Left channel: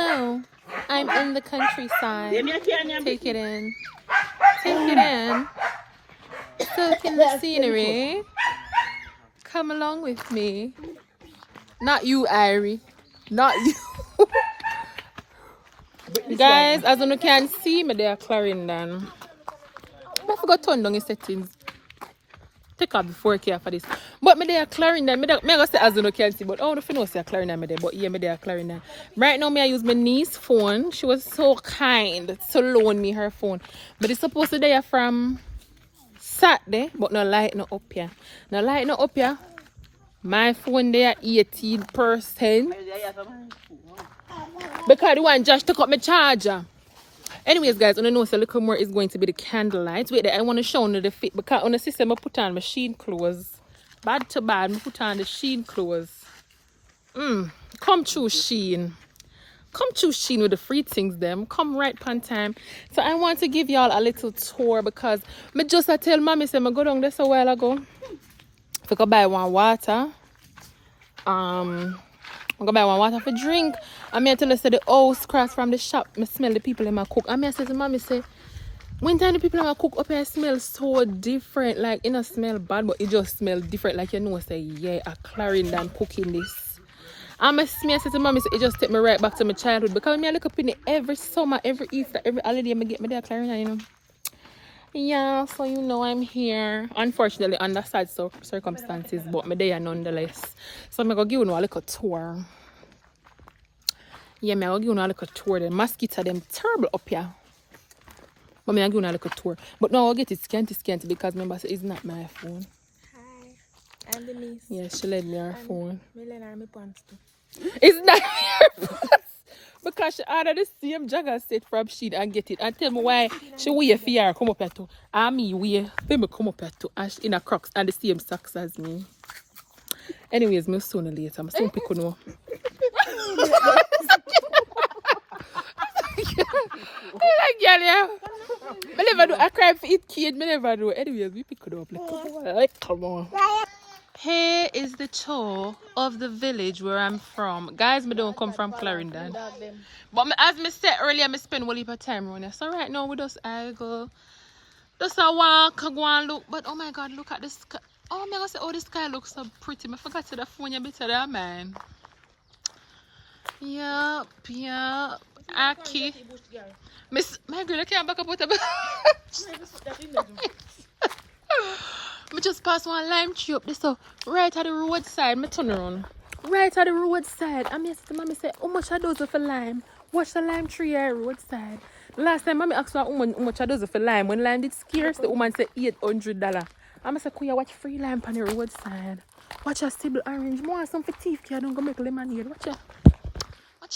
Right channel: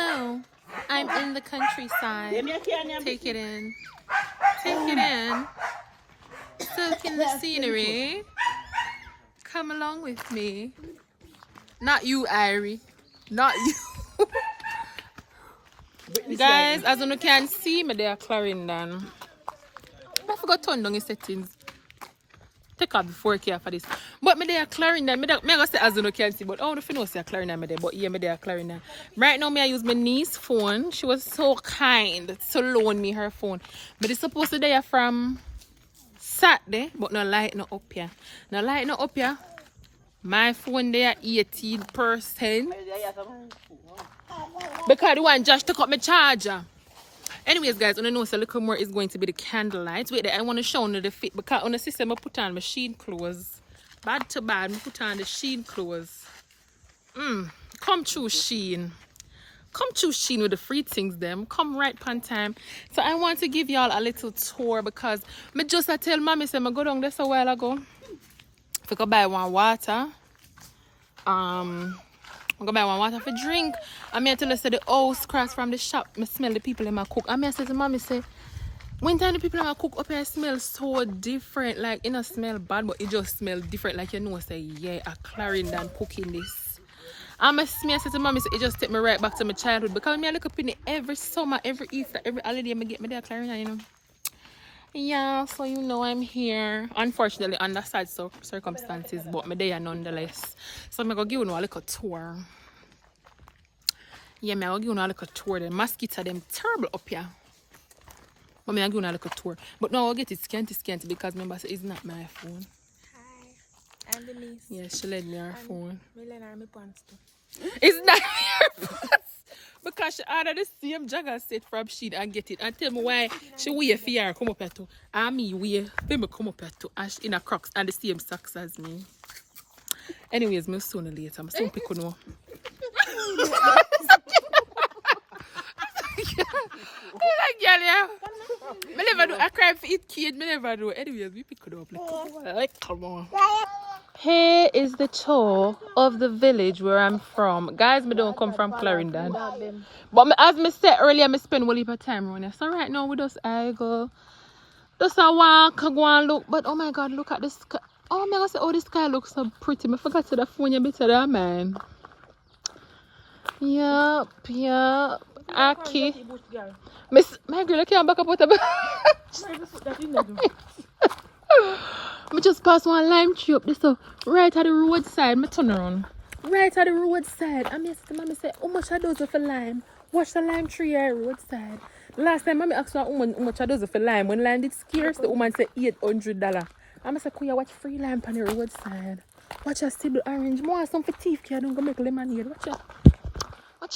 Hello, I'm in the countryside. Take it in. Take it in. Soak in the scenery. Come along with me. Not you, Irie. Not you. Guys, as you can see, me there Clarendon. I forgot to turn down the settings. Take off the 4K for this. But me there Clarendon. Me go say as you can see, but oh, if you know say Clarendon me there, but yeah, me there Clarendon. Right now, me I use my niece's phone. She was so kind to loan me her phone. But it's supposed to be from Saturday, but no light no up here. No light no up here. My phone there 18%. Because the one just took up my charger. Anyways, guys, I know so a little more is going to be the candlelight. Wait, I want to show you the fit because on the system I put on my sheen clothes. Bad to bad, I put on the sheen clothes. Come through sheen. Come through sheen with the free things them. Come right on time. So I want to give y'all a little tour because me just I tell mommy say I go down there a while ago. If I go buy one water. I go buy one water for drink. I mean, I tell her, say the house cross from the shop, I smell the people in my cook. I mean, I say to mommy, say, when time the people in my cook up here smell so different, like, it don't smell bad, but it just smell different, like, you know, say, yeah, a Clarendon cooking this. I say to mommy, say, it just take me right back to my childhood, because I look up in it every summer, every Easter, every holiday, I get me there Clarendon, you know. Yeah, so you know I'm here. Unfortunately, under sad circumstances, but I'm there nonetheless. So I'm going to give you a little tour. Yeah, I'm going to give you a little tour. The mosquitoes them terrible up here. But I'm going to give you a little tour. But now I'll get it scanty because remember, it's not my phone. Hi, I'm Denise. Yeah, she lent me her phone. My pants too. It's not her pants. Because she ordered the same jagger set from Shein and get it. And tell me why she wear for her come up here too. And me wear for me come up here too. As in a Crocs and the same socks as me. Anyways, me sooner later. I'm soon pick on like, yeah. I never do. I cry for it kid. I never do. Anyways, we pick it up. Like, come on. Here is the tour of the village where I'm from. Guys, I don't come from Clarendon. But as I said earlier, I spend a little time around here. So right now, we just I go. Just a walk, go and look. But oh my God, look at the sky. Oh my God, oh, the sky looks so pretty. I forgot to the phone you better than man. Yup. Aki. Miss, my girl, I can't back up with a I just pass one lime tree up this up right at the roadside. I turn around. Right at the roadside. I said to mommy, say, how much are those for lime? Watch the lime tree at the roadside. Last time mommy asked her how much are those for lime. When lime did scarce, the woman said $800. I said, could you watch free lime on the roadside? Watch a stable orange. More some for teeth, I don't go make lemonade. Watch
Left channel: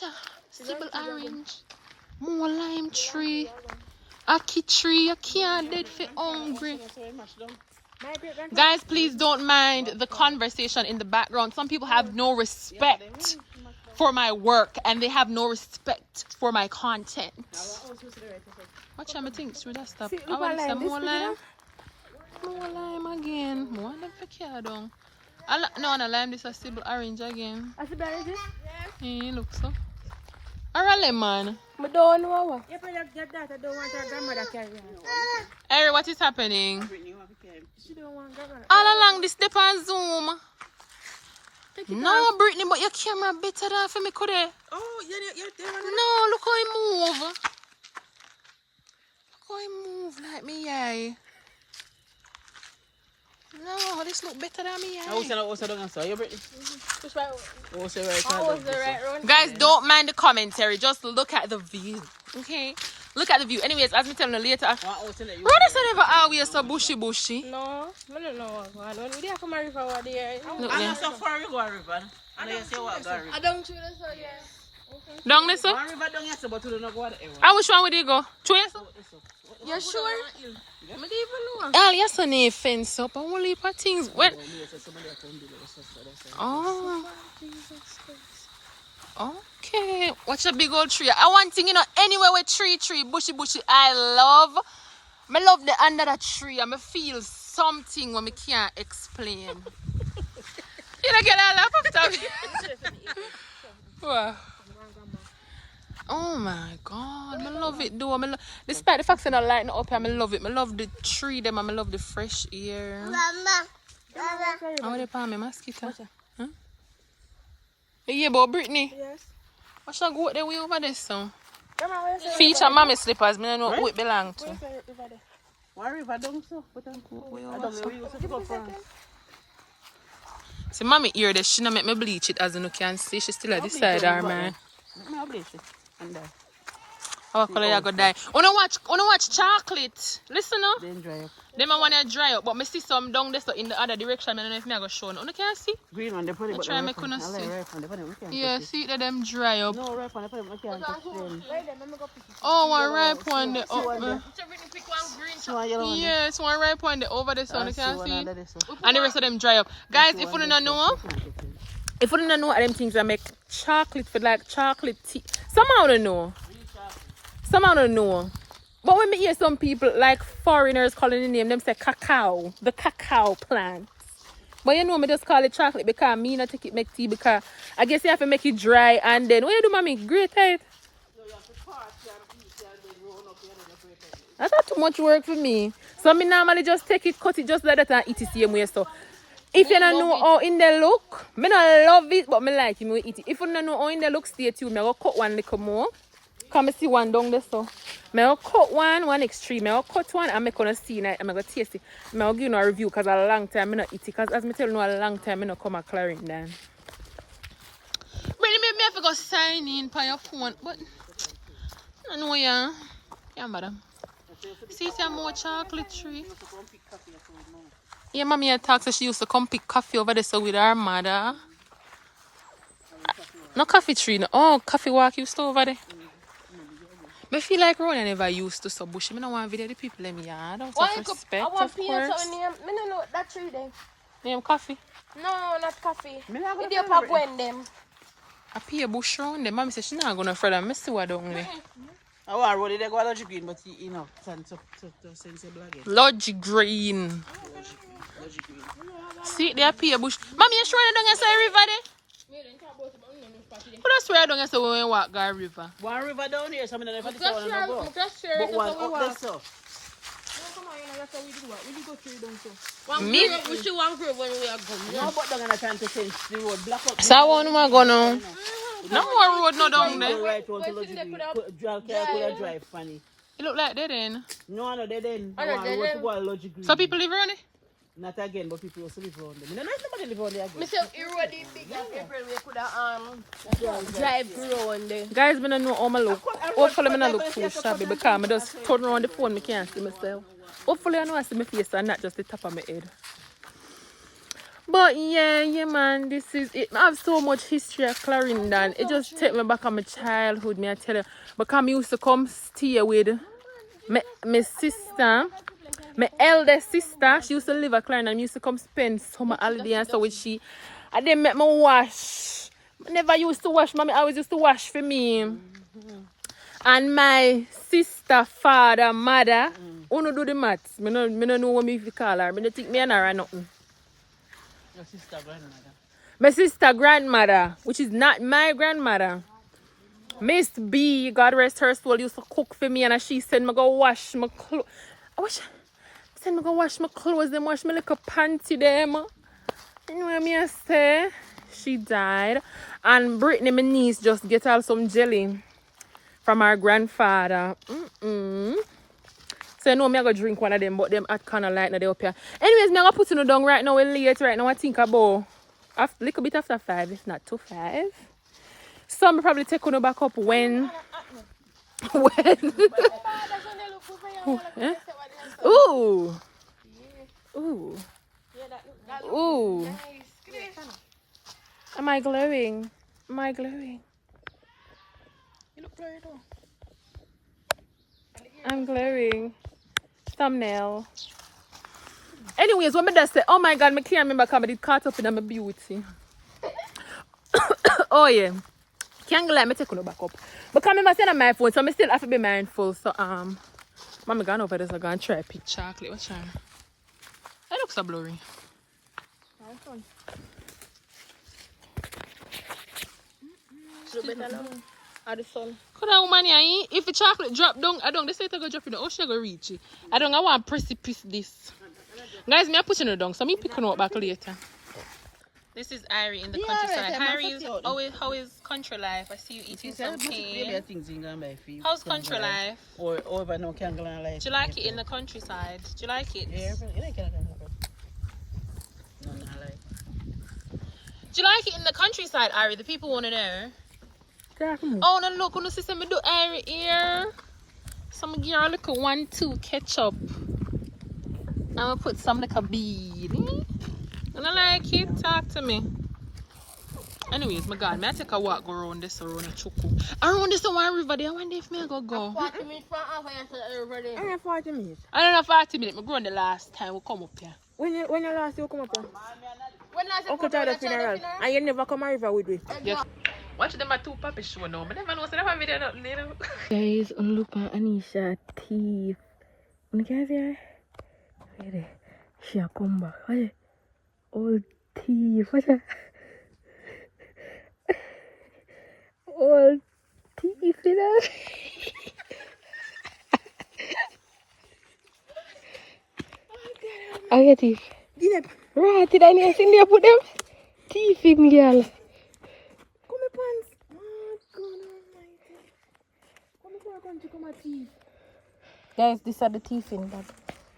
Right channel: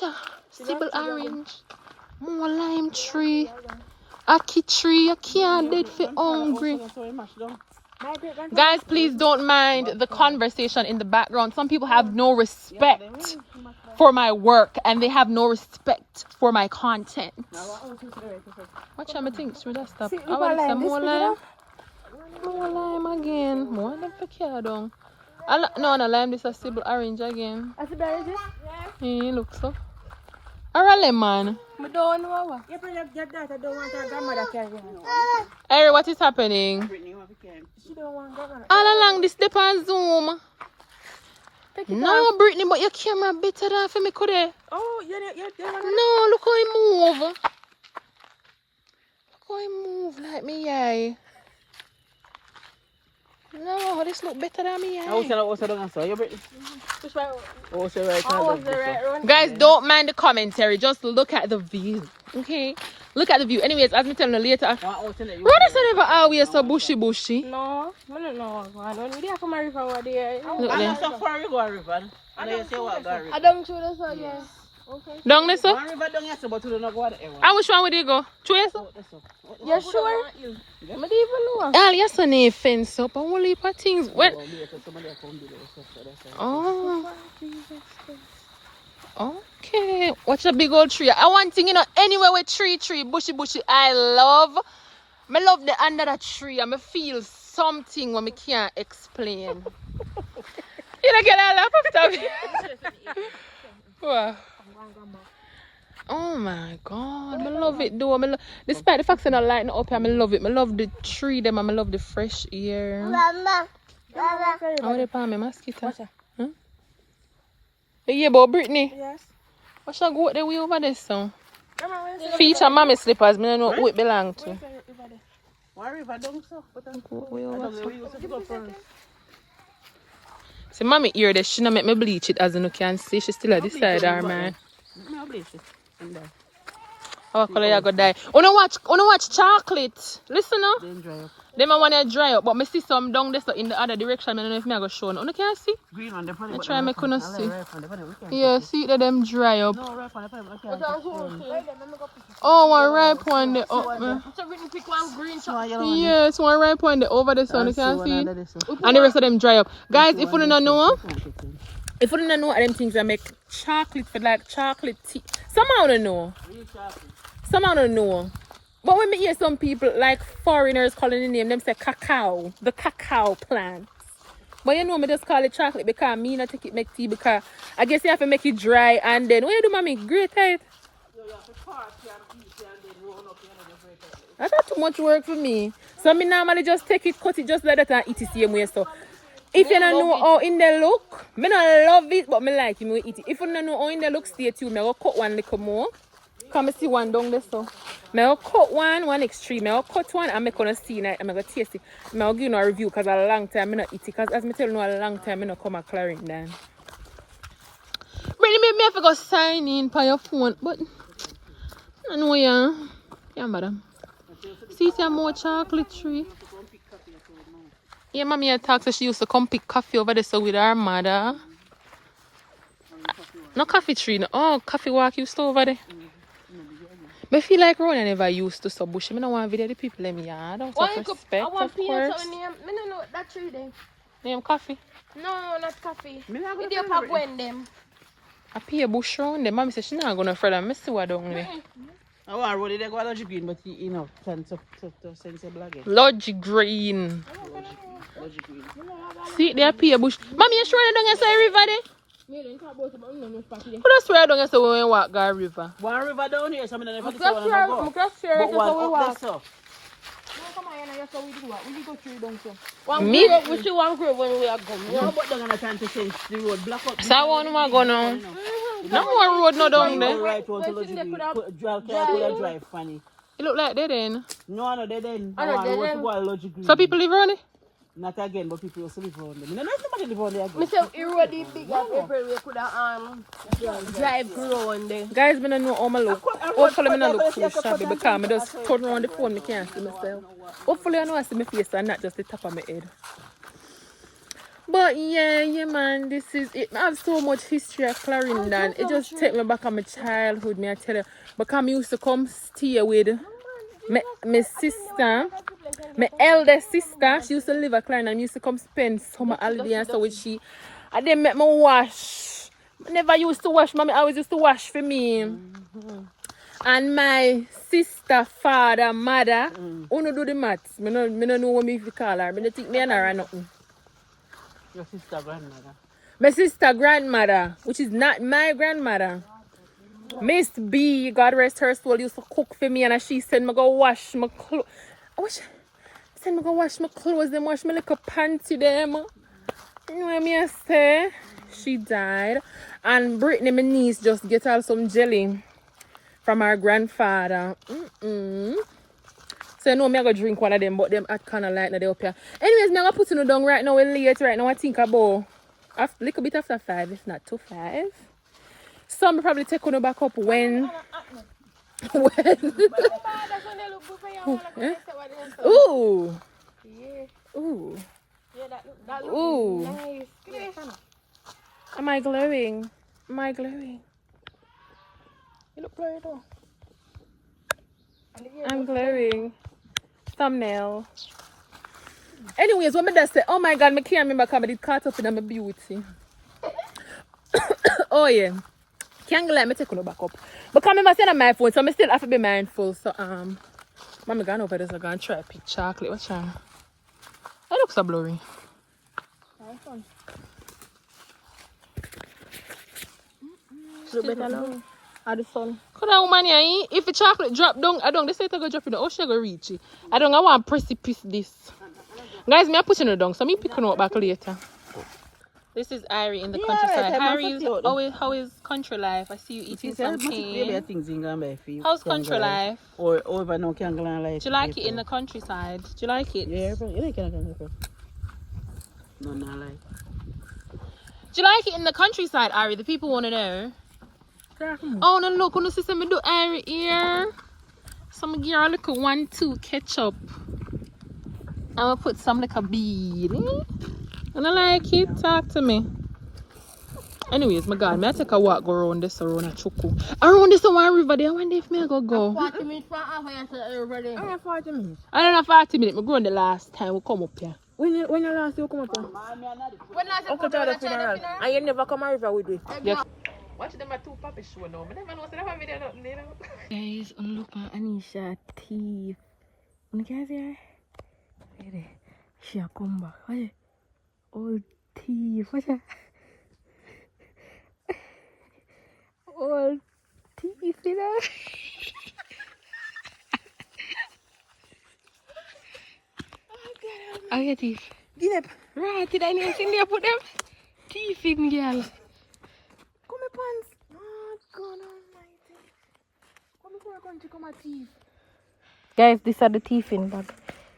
a stable orange. More lime tree. Aki tree. You can't dead for hungry. Guys, please don't mind the conversation in the background. Some people have no respect for my work and they have no respect for my content. Watch out, I think through that stuff. I want some more lime. More lime again. More than for Cacao. No, lime. This is a stable orange again. I should buy it. Hey, look so. Or a lemon. I don't know. You probably get that. I don't want her grandmother carry it. Hey, what is happening? She don't want grandmother. All along this step on Zoom. No, Brittany, but your camera better than for me, could it? Oh, yeah. No, look how he move. Look how he move like me, yeah. No, this look better than me, yeah. Guys, don't mind the commentary. Just look at the view, okay? Look at the view. Anyways, as me tell you later. What is it ever always so bushy? No, I don't know. I don't really have to marry from over there. I'm so far we go a river. And you say what go river? I don't choose this one, yeah. Okay. Down this up? One river down here, but you don't go there. And which one would you go? Choice? You sure? I don't even know. Oh, yes, I need fence up. I want to leave my things. Well, oh. Okay. Watch a big old tree. I want thing, you know, anywhere with tree, bushy. I love the under that tree. I feel something when I can't explain. You don't get a laugh after me. What? Oh my god, I love it though. Despite the fact that I not lighting up here, I love it. I love the tree them and I love the fresh air. I want to palm my mosquito. Huh? Yeah, but Brittany. Yes. What's that goat the way over there so? Feature mommy slippers, I don't know who it belong to. Why river down so? Way over so. See, mommy ear there, she not make me bleach it as you can see. She still at this side of her man. No bleach it. And there. How color you go die? Wanna watch chocolate. Listen now. Then dry up. Them I want to dry up, but I see some down there so in the other direction. I don't know if I go show. You can see? Green one, they put it. I try me couldn't see. Like Yeah, see that them dry up. no, ripe one, they put it. Oh, one ripe one there up. Yes, one ripe one there over the sun. You can see. And the rest of them dry up. Guys, if you don't know what them things I make chocolate for like chocolate tea. Somehow don't know. Somehow don't know. But when me hear some people like foreigners calling the name, them say cacao, the cacao plant. But you know me just call it chocolate because me not take it make tea because I guess you have to make it dry and then what you do mommy? Grate it. That's not too much work for me. So me normally just take it, cut it just like that and eat it the same way so. If you don't know how in the look, me not love it but me like it, me eat it. If you don't know how in the look, stay tuned. I go cut one little more. Come see one down there so. I'll cut one extreme. I'll cut one and I'm gonna see it. I'm gonna taste it. I'll give you a review because a long time I not eat it. Because as I tell you, a long time I not come at Clarendon. Really, maybe I have to go sign in by your phone, but I know yeah, madam. See some more chocolate tree. Yeah, mommy had talked so she used to come pick coffee over there so with her mother. No coffee tree, no. Oh, coffee walk used to over there. I feel like Ron never used to so bushy. I don't want to video the people in my yard. Out of respect, of course. I don't know that tree then. Name coffee? No, not coffee. It's your pop when them. I pay a bush round them. Mommy said she not gonna further. I see what down there. I want to roll it, they go a logic green, but you know, sense black. Lodge green. See, they pay a bush. Mommy, you sure you don't get say river there? But that's where I don't get so when we walk Gar River. One river down here, so I don't know if I go. But one up there, so. Come on, we do what? We go through down so. Me? We see one group when we are going. No, but they're going to try to change the road. Black up. So I want to go now. No more road no down there. Right on to logic green. Drive funny. It look like dead end. No, dead end. I want to go a logic green. So people live around it? Not again, but people also live around them. I don't know if somebody live around there again. Mr. Irodi big up everywhere could have drive grow one day. Guys, I don't know how I look. Hopefully I don't look too shabby because I just turn around the phone and I can't see myself. Hopefully I know I see my face and not just the top of my head. But yeah man, this is it. I have so much history at Clarendon. It just takes me back on my childhood, me I tell you. Because I used to come stay with my sister. My eldest sister, she used to live at Clarendon. I used to come spend summer holiday and so with she. I didn't make me wash. I never used to wash. Mommy always used to wash for me. And my sister, father, mother, who do the maths. I don't know what me call her. I don't think me and her are nothing. Your sister grandmother? My sister grandmother, which is not my grandmother. Miss B, God rest her soul, used to cook for me and she said me go wash my clothes. Send me go wash my clothes, them wash my little panty them. You know what I say? She died. And Brittany, my niece, just get her some jelly from her grandfather. So you know me I go drink one of them, but them at Candlelight now they up here. Anyways, me I go put you down right now, we're late right now. I think about a little bit after 5, if not to 5. So I'm probably take you back up when eh? Ooh. Ooh. Ooh. Am I glowing? Am I glowing? You look blurry though. I'm glowing. Thumbnail. Anyways, what me just say, oh my god, I can't remember because I did caught up in my beauty. Oh yeah. Candlelight, me take you back up. But come remember saying on my phone, so I still have to be mindful. So Mommy gone over there, so I'm gonna try pick chocolate. What's that? That looks so blurry. Look better now. At the sun. Could I woman here? If the chocolate drop down, I don't. They say it go drop in the ocean, go reach it. I don't. I want precipice this. Guys, me I pushing her down, so me picking her up back later. This is Irie in the countryside. Irie, how is country life? I see you eating some cane. How's country life? Or over no Candlelight. Do you like it in the countryside? Do you like it? Yeah, you like it. No, no, like. Do you like it in the countryside, Irie? The people want to know. Oh, no, look, on the system, we do Irie here. Some girl, look at 1, 2 ketchup. I'm gonna put some like a bead. And I like it. Talk to me. Anyways, my God, may I take a walk go around this around a choco. Around this one river there. I wonder if me I go. 40 minutes for over there. I have 40 minutes. I don't know 40 minutes. I grown the last time we come up here. When you last you come up here? When last Uncle Jordan funeral. And you never come a river with me. Yes. Watch them at 2 puppet show now. But never know so never video not little. Guys, look at Anisha teeth. You can see her? Ready? She a come back. What? All teeth. What? All teeth, you know? I get teeth. Get up. Right, did I never see there put them? Teeth in, girl. Come my pants. Oh, God almighty. Come before I country, come my teeth. Guys, these are the teeth in bag.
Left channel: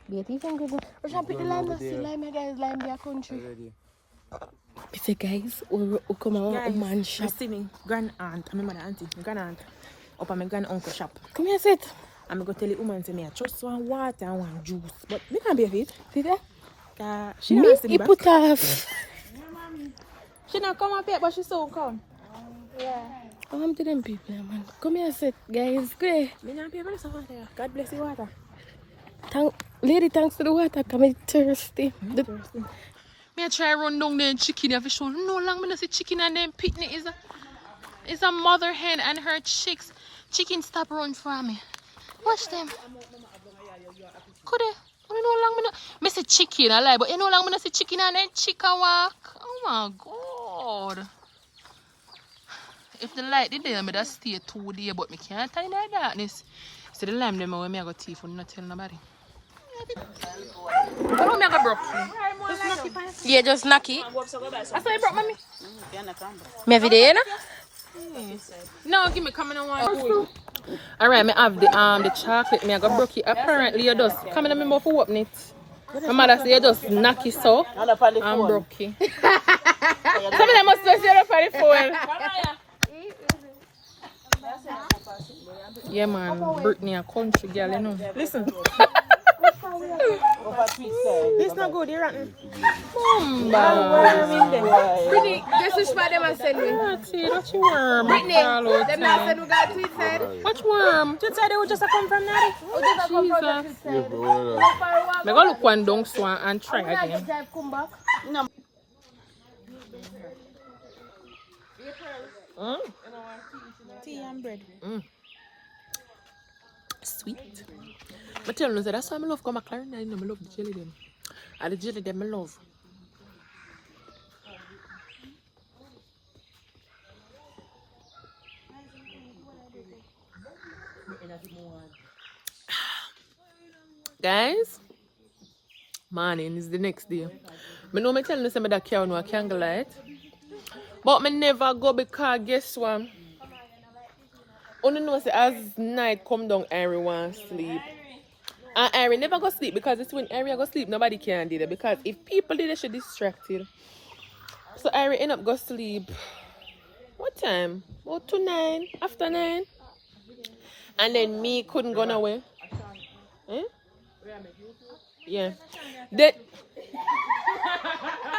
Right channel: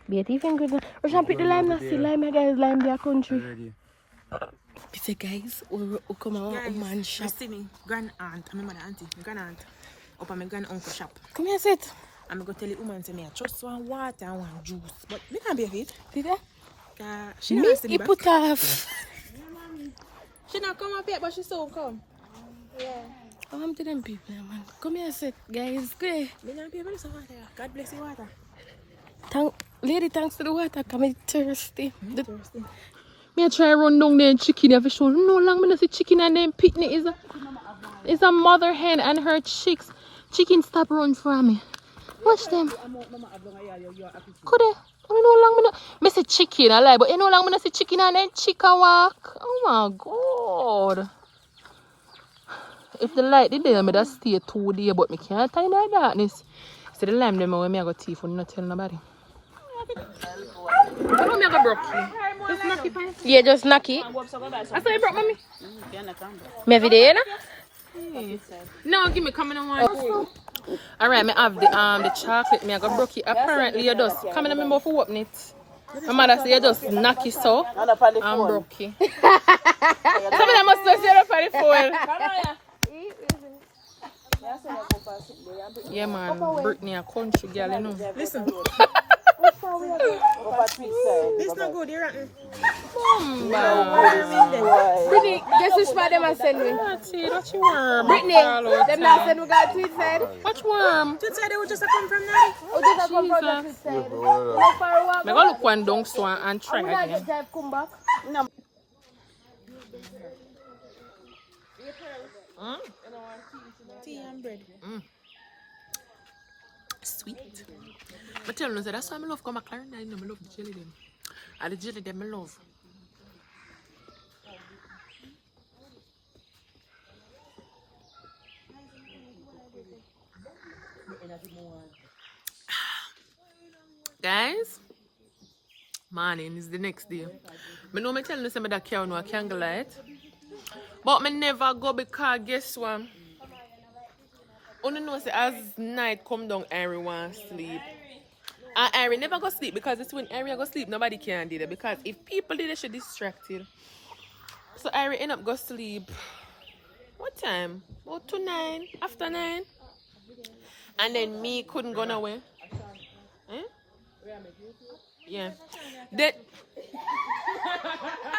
Be a teeth in good. We should pick the lime now. See lime, guys. Lime their country. You say, guys, we come out of man shop. I see me grand aunt, and my mother auntie, my grand aunt, up at my grand uncle shop. Come here, sit. I'm going to tell the woman to me, I just want water and want juice. But we can't be of it. You go? She Me, not see he me put off. She not come up here, but she still come. Come to them people, man. Come here, sit, guys. Go ahead. God bless you, water. Lady, thanks for the water. I'm thirsty. Me I try run down there and chicken every show. No long me not see chicken and then picnic is a mother hen and her chicks. Chicken stop run for me. Watch them. Could they? I know long me not me see chicken I lie, but you know long me not see chicken and then chicken walk. Oh my God. If the light did there, me that stay 2 days, but me can't tie in the darkness. So the lime them when me I got teeth for not tell nobody. I know me I got broke. Just knock it, fine. Yeah, just knock it. I saw you broke, mommy. Me every day, no? No, give me coming on one. Alright, me have the chocolate. Me I got broke it. Apparently you just coming on me mouth for open it. My mother say you just knock it so and broke it. Some of them must just get up for the phone. Yeah man, Brittany a country girl, you know. Listen. This not good, you're rotten. Brittany, guess which one them are sending me? That's it, that's worm. Brittany, them not send we got tweet side. What's worm? Tweet side, they would just come from now. Jesus. Me go look one down so and try again. No. Tea and bread. Sweet. But tell you, that's why I love come Clarendon. I love the jelly them. And the jelly them I love. Guys, morning is the next day. I know me tell you some of that cow no Candlelight. But me never go because guess what? Only know say as night come down, Irie want sleep. And Irie never go sleep because it's when Irie go sleep, nobody can do that. Because if people did, they should distracted. So Irie end up go sleep. What time? About 2 9, after 9. And then me couldn't go nowhere. Eh? Yeah. Then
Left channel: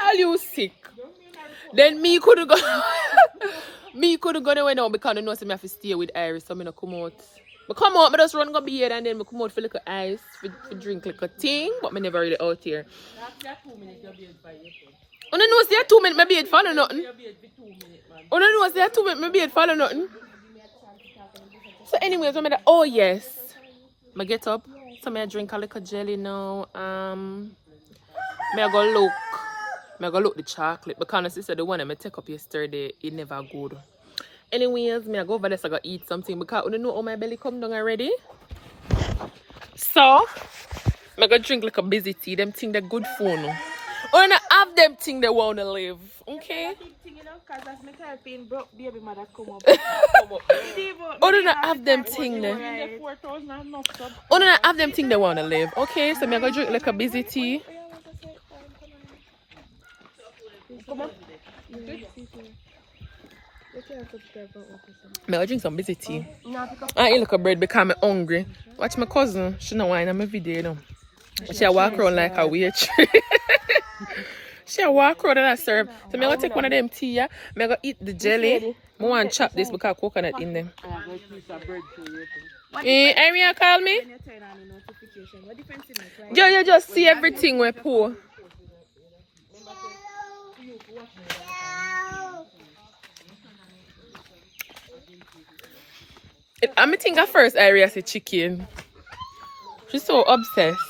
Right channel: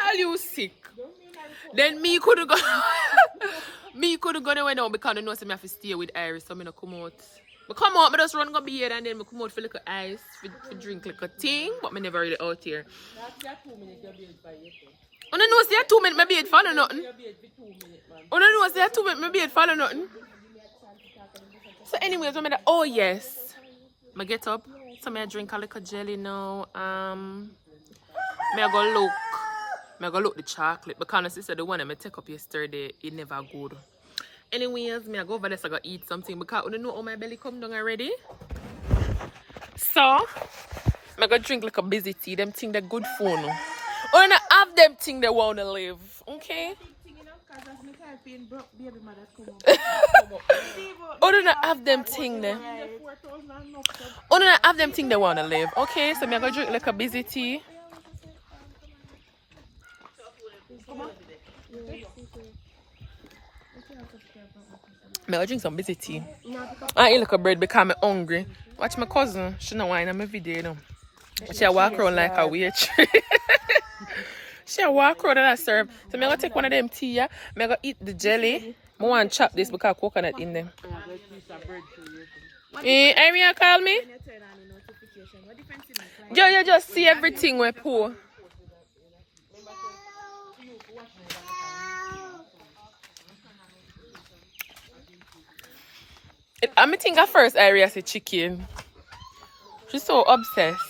all you sick. Then me couldn't go. Me couldn't go nowhere now because I know I have to stay with Iris, so I don't come out. But come out, I just run go bed and then I come out for like ice, for drink like a thing, but I never really out here. I don't know say 2 minutes my bed follow nothing. I don't know say 2 minutes my bed follow nothing. So anyways, I'm like, oh yes. I get up, so I drink a little jelly now. I go look the chocolate because my sister the one I take up yesterday, it never good. Anyways, me I go over there so I go eat something because you know how my belly come down already. So I go drink like a busy tea. Them think they're good for no. Or not have them think they wanna live. Okay? Or do not have them thing there. Or do not have them think they wanna live. Okay, so me I go drink like a busy tea. Come on. Me I drink some busy tea. I eat like a bread because I'm hungry. Watch my cousin. She know wine on my video, you know. She walk around like a witch. She walk around and I serve. So I'm going to take one of them tea, yeah? I'm going to eat the jelly. I want to chop this because coconut in them. Amy, call me? Yo, you just see everything we pour. I think at first Aria said chicken. She's so obsessed.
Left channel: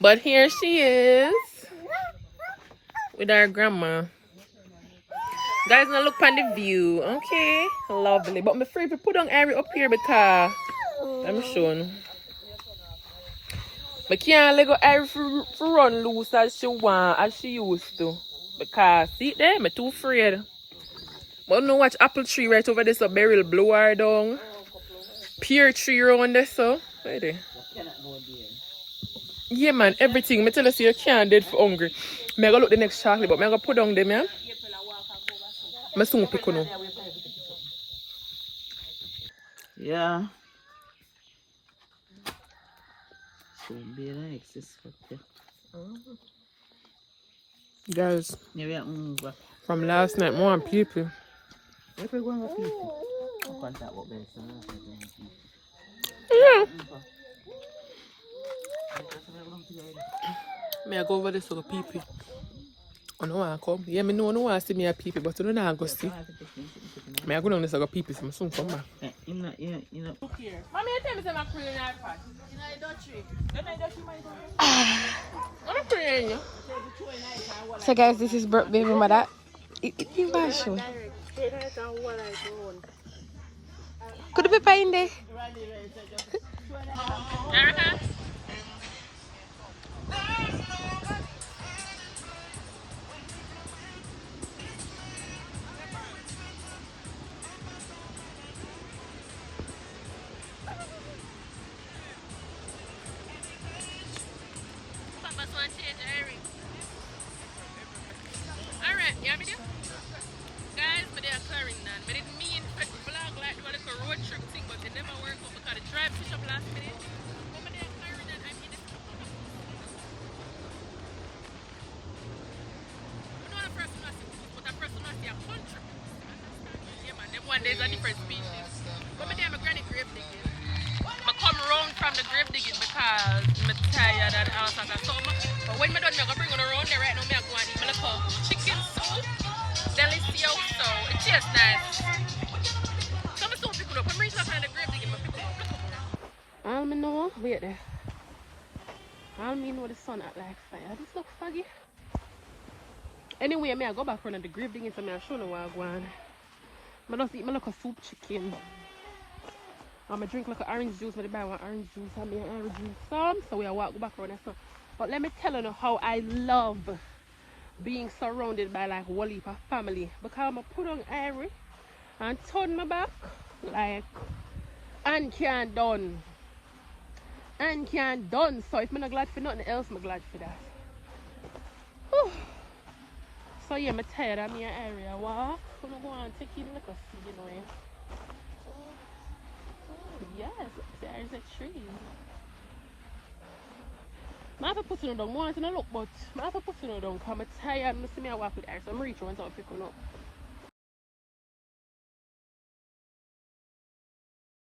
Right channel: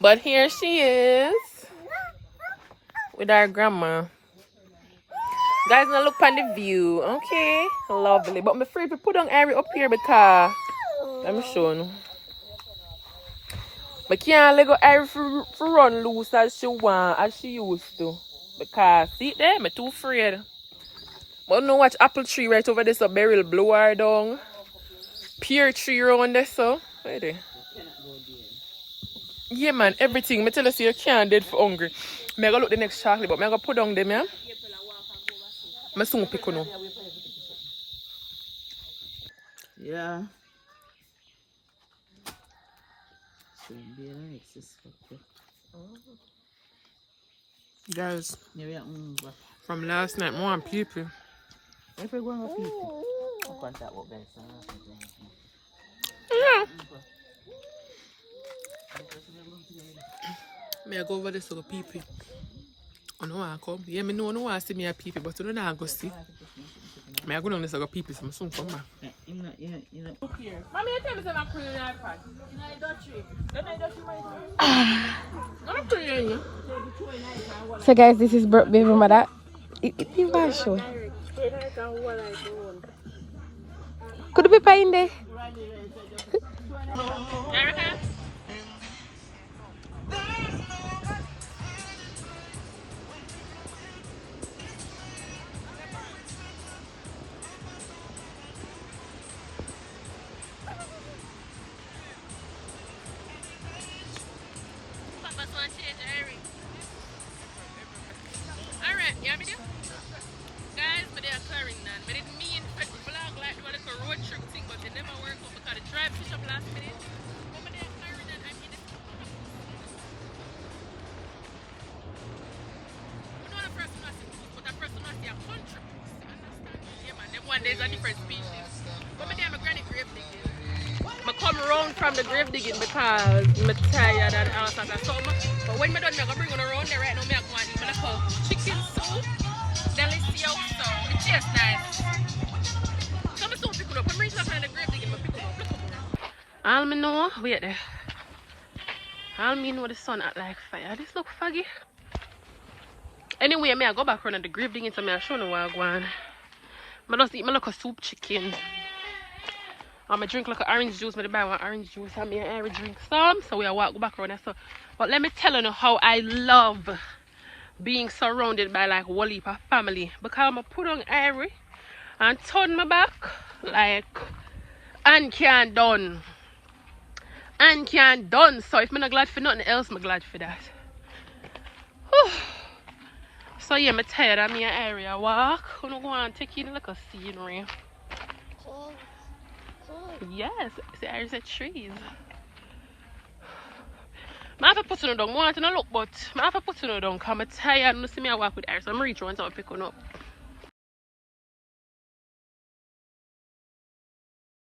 But here she is with our grandma. Guys, now look on the view. Okay, lovely. But I'm afraid to put on Aria up here because I'm showing. I can't let go Aria for run loose as she want, as she used to. Because see there, I'm too afraid. But no watch apple tree right over there, so beryl blow her down. Pear tree around there, so. Right there. Yeah, man, everything. I tell you, you can't dead for hungry. I'm going to look the next chocolate, but I'm going to put down them, yeah? I'm soon pick on. Yeah. So be like this. Guys, Yeah, from last night, more people. if you're going to people, contact what Ben said. Yeah. May I go over there so the people? I know I come. Yeah, me know I want to see me a people, but I don't know I go see. May I go down there so the people so I soon come back. Yeah. Mommy, you tell me I'm cleaning your iPad. I'm cleaning you. So guys, this is Bruk baby Mada. Could be pie in there? Erica? Alright, you have me there? Guys, but they are Clarendon. But it mean vlog like do a little road trip thing, but it never work out because the drive fish up last minute. But they are Clarendon, I mean it. We know the first one I see, but the first one I see a country. Understand? Yeah man, them one day is a different species. But me there my granny grave digging. I come around from the grave digging because I'm tired and all sorts of stuff. But when I'm done, I'm going to bring on around there right now. I'm going to eat my little chicken soup. Delicious, so it tastes nice. So I'm still pick it up. I'm reaching up on the grave digging, but pick it up. Look up. All me know, wait there. All me know the sun act like fire. This look foggy. Anyway, I go back around the grave digging, so I show you what I want. I just eat my little soup chicken. I drink like an orange juice, but I buy one orange juice and I drink some, so we walk back around there. So, but let me tell you how I love being surrounded by like whole heap of family, because I'm put on Irie and turn my back like and can't done. And can't done. So if I'm not glad for nothing else, I'm glad for that. Whew. So yeah, I'm tired of me area walk. I'm gonna go and take in like a scenery. Yes, there's a trees. I have to put it down. I want to look, but I have to put it down because I'm tired. I see me walk with Iris. I'm reaching once I pick one up.